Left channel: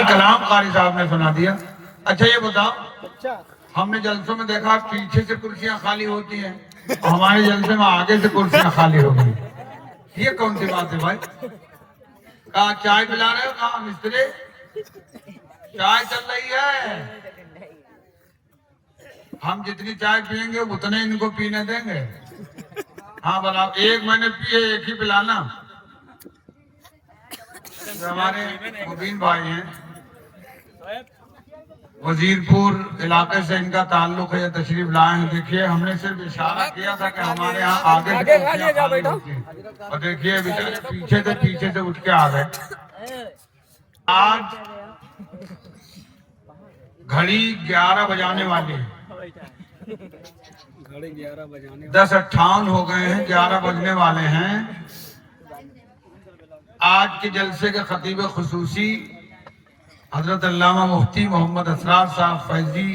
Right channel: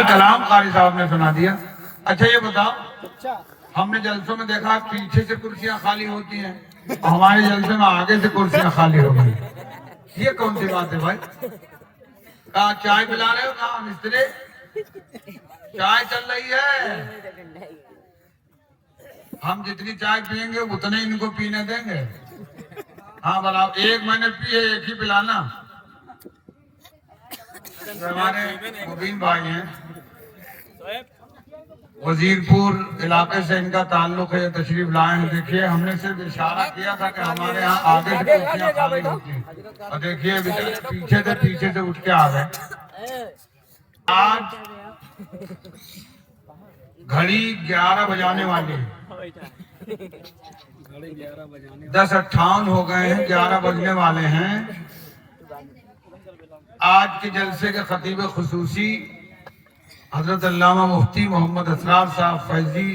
कलाम कारी साहब ने सुना दिया। अच्छा ये बताओ, हमने जलसों में देखा पीछे से कुर्सियां खाली होती हैं, हमारे जलसे में आगे से कुर्सियां खाली हो गई। ये कौन सी बात है भाई? कहा चाय पिला रहे हो? कहा मिस्त्री चाय चल रही है, हम जितनी चाय पियेंगे उतने इनको पीने देंगे। हाँ बताओ, एक मैंने पिए एक ही पिलाना। हमारे मुबीन भाई हैं, वजीरपुर इलाके से इनका ताल्लुक है, तशरीफ लाए हैं। देखिए हमने सिर्फ इशारा किया था कि हमारे यहाँ आगे से कुर्सियां खाली होती हैं, और देखिए पीछे से उठ के आ गए। आज घड़ी 11 बजाने वाली है, 10:58 हो गए हैं, 11 बजने वाले हैं। आज के जलसे के खतीब खुसूसी हजरत अल्लामा मुफ्ती मोहम्मद असरार साहब फैजी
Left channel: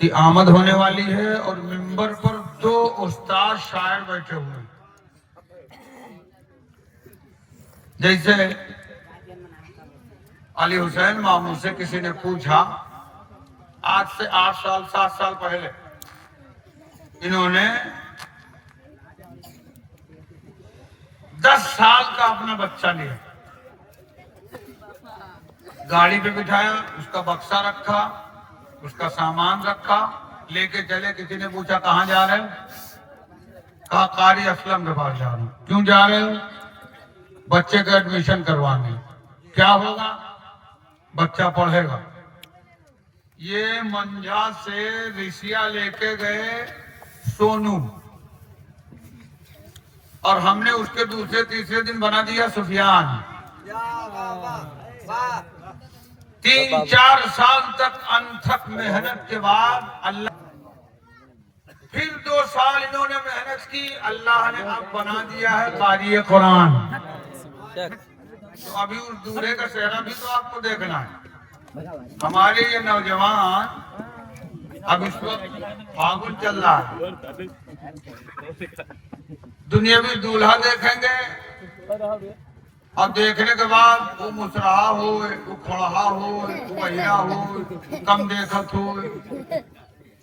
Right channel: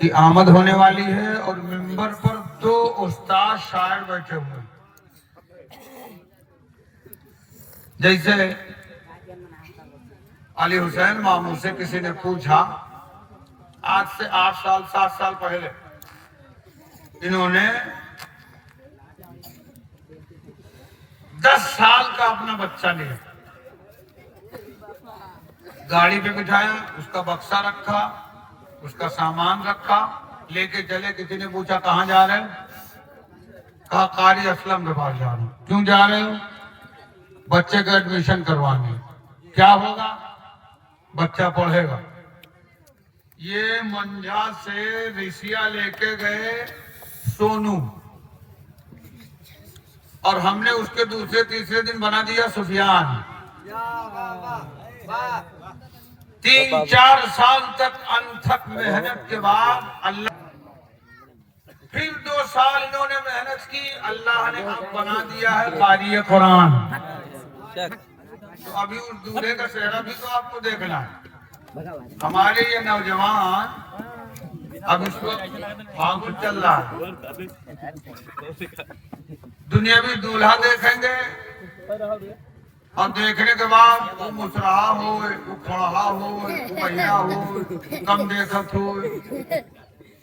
की आमद होने वाली है, और मिंबर पर 2 उस्ताद शायर बैठे हुए हैं। जैसे अली हुसैन मामू से किसी ने पूछा, आज से 8 साल 7 साल पहले इन्होंने 10 साल का अपना बच्चा लिया, गाड़ी पे बिठाया, उसका बक्सा रखा, उसका सामान रखा, लेके चले। किसी ने पूछा कहाँ जा रहे हो? कहा कारी असलम के पास जा रहा हूँ। क्यों जा रहे हो? बच्चे का एडमिशन करवाने। क्या होगा? बच्चा पढ़ेगा। ये मंझा से रिसिया लेके गए सोनू, और हमने उसके दूसरे तीसरे दिन बना दिया सुफियान। 3-4 साल तक अनथक मेहनत के बाद अल्लाह, फिर 2 साल इन्होंने मेहनत की, अल्लाह ने अब बना दिया है कारी कुरान। तो अभी उस दूल्हे का चेहरा भी तो आपको देखना है। हमारे ये नौजवान अब इस वक्त फागुन चल रहा है, दुनियावी दूल्हा देखेंगे, और देखने के बाद वो मुसराहा हो, वो खड़ा हो, वो बहिरा हो, कम देखत हो,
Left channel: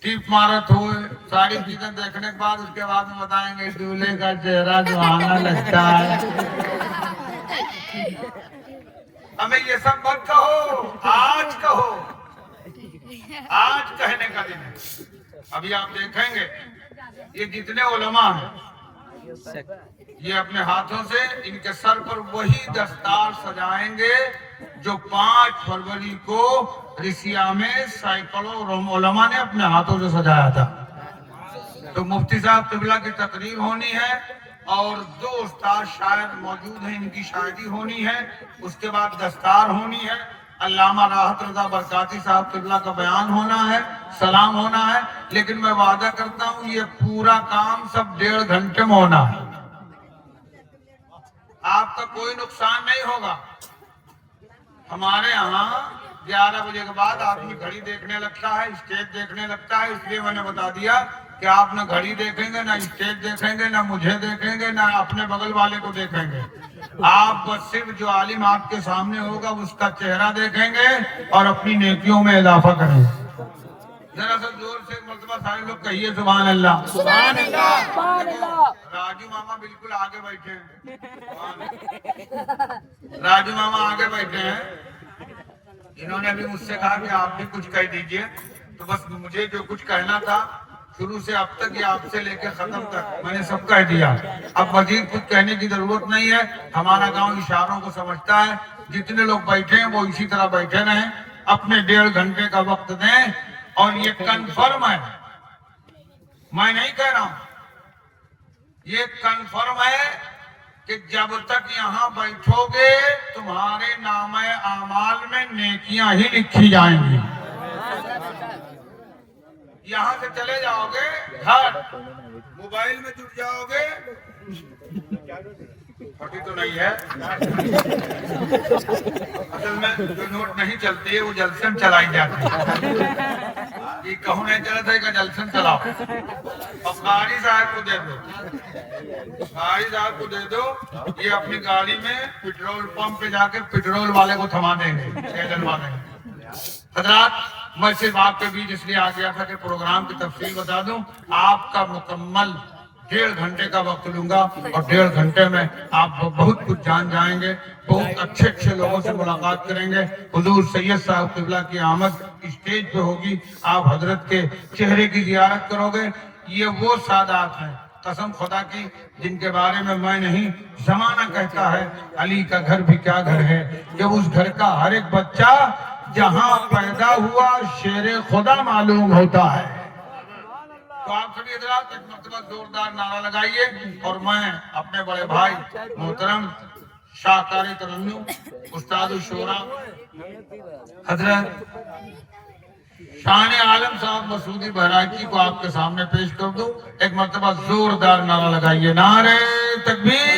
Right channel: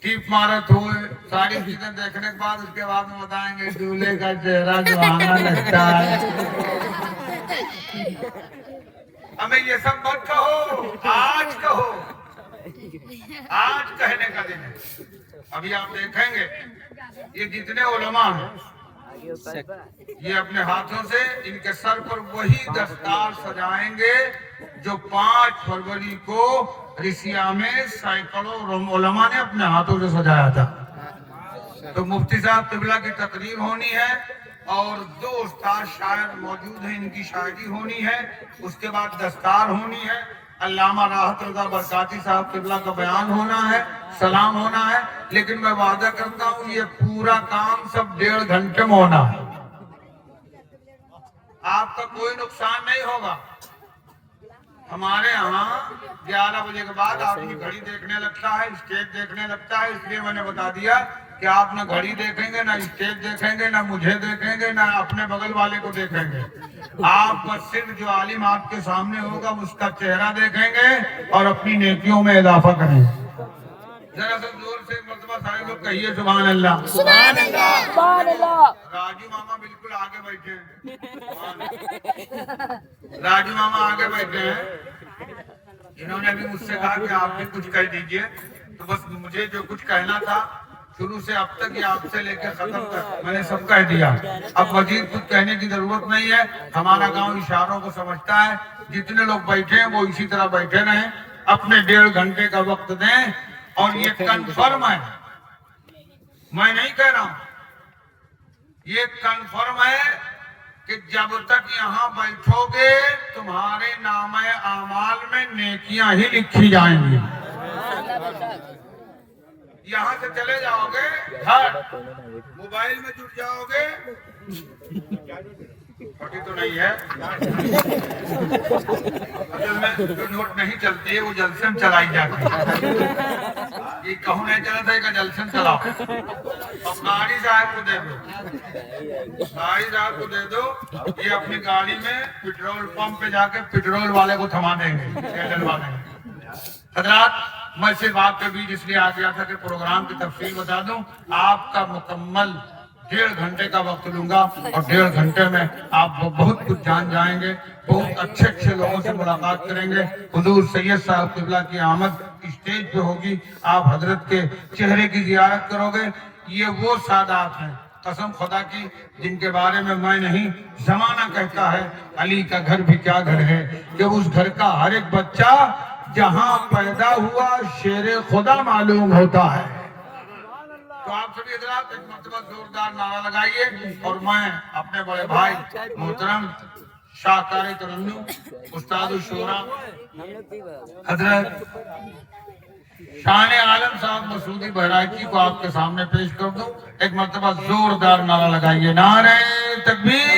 टीप मारत हो, सारी चीजें देखने के बाद उसके बाद में बताएंगे दूल्हे का चेहरा सुहाना लगता है। हमें ये सब मत कहो, आज कहो, आज कहने का दिन है। अभी आप देखेंगे ये जितने उलमा हैं, ये अपने हाथों से इनके सर पर वही दस्तार सजाएंगे जो 5 फरवरी को रिसिया में सैकड़ों उलमा ने अपने हाथों से सजाया था। तो मुफ्ती साहब तिबला की तकरीर होनी है, और 2 उस्ताद शायर मौजूद हैं, इनकी शायरी होनी है। उसके बाद दस्तार होनी है, अल्लामा राहत रज़ा बरकाती साहब तिबला का बयान होना है, सलाम होना है। लेकिन मैं वादा करता हूँ ये पूरा काम सब 1.5 घंटे में होना है, आपका कोई नुकसान नहीं होगा। हमारे यहाँ 11 बजे के बाद आदमी घड़ी देखने लगता है, स्टेज देखने लगता है, इसलिए मैंने बता दिया कि आप ना घड़ी देखेंगे, ना स्टेज देखेंगे, ना मुझे देखेंगे, ना अपने बगल वाले को देखेंगे। आप बस सिर्फ जो आलिम आपके सामने होगा उसका चेहरा देखेंगे और अपनी नेकियों में इजाफा करेंगे। जरा सा जोर से मर्तबा सारे लोग कहिए सुभान अल्लाह। सुभान अल्लाह, सुभान अल्लाह। राजू मामा बिल्कुल आगे बैठे हैं, राजू मामा आगे बैठे हैं। इन्होंने अभी मुझसे कहा कि आप भी कुछ कह दीजिए, तो बस मुझे जो कुछ कहना था शुरू से अब तक, ये आपसे लेकर खत्म तक मैंने सब कह दिया। अब मजीद कुछ कहने की जरूरत नहीं है, हमारा गांव इशारों को समझता है। जितने लोग बैठे हैं वो इसी तरह बैठे रहें, अपने 1.5 घंटे का वक्त दें। और ये कंफर्म है, मैं नहीं कह रहा हूं, ये कंफर्म है कि जब तक यहाँ बैठोगे तुम्हारे नामे आमाल में नेकियां ही लिखी जाएंगी। यहाँ से चले जाओगे घर, मोबाइल में जुट जाओगे, फटी तो नहीं है, असल में जो नोट नहीं चलती है वो जलसे में चलाई जाती है। कि कहूँ नहीं चला था जलसन चलाओ और गाड़ी साहब को दे दो, गाड़ी साहब को दे दो। ये अपनी गाड़ी में पेट्रोल पंप पे जाके पेट्रोल वाले को थमा देंगे, तेल डलवा देंगे। हजरात, मैं सिर्फ आपके बीच इसलिए आ गया था कि प्रोग्राम की तफसील बता दूं। आपका मुकम्मल 1.5 घंटे का वक्त लूंगा और 1.5 घंटे में आप बहुत कुछ जान जाएंगे, बहुत अच्छे अच्छे लोगों से मुलाकात करेंगे। हुजूर सैयद साहब क़िबला की आमद स्टेज पे होगी, आप हजरत के चेहरे की जियारत करोगे। ये वो सादात हैं कसम खुदा की जिनके बारे में मैं नहीं, जमाना कहता है अली का घर भी क्या घर है, कि उस घर का हर एक बच्चा जहां पैदा हुआ शेरे खुदा मालूम होता है। तो आप सभी हजरात एक मरतबा जोरदार नारा लगाइए और मैं अपने बड़े भाई मोहतरम शाहकारी तरन्नुम उस्ताद शोरा हजरत शान आलम साहब मसूदी बहराइची को आपके सामने पेश कर दूं। एक मरतबा जोरदार नारा लगाइए, नारे तकबीर।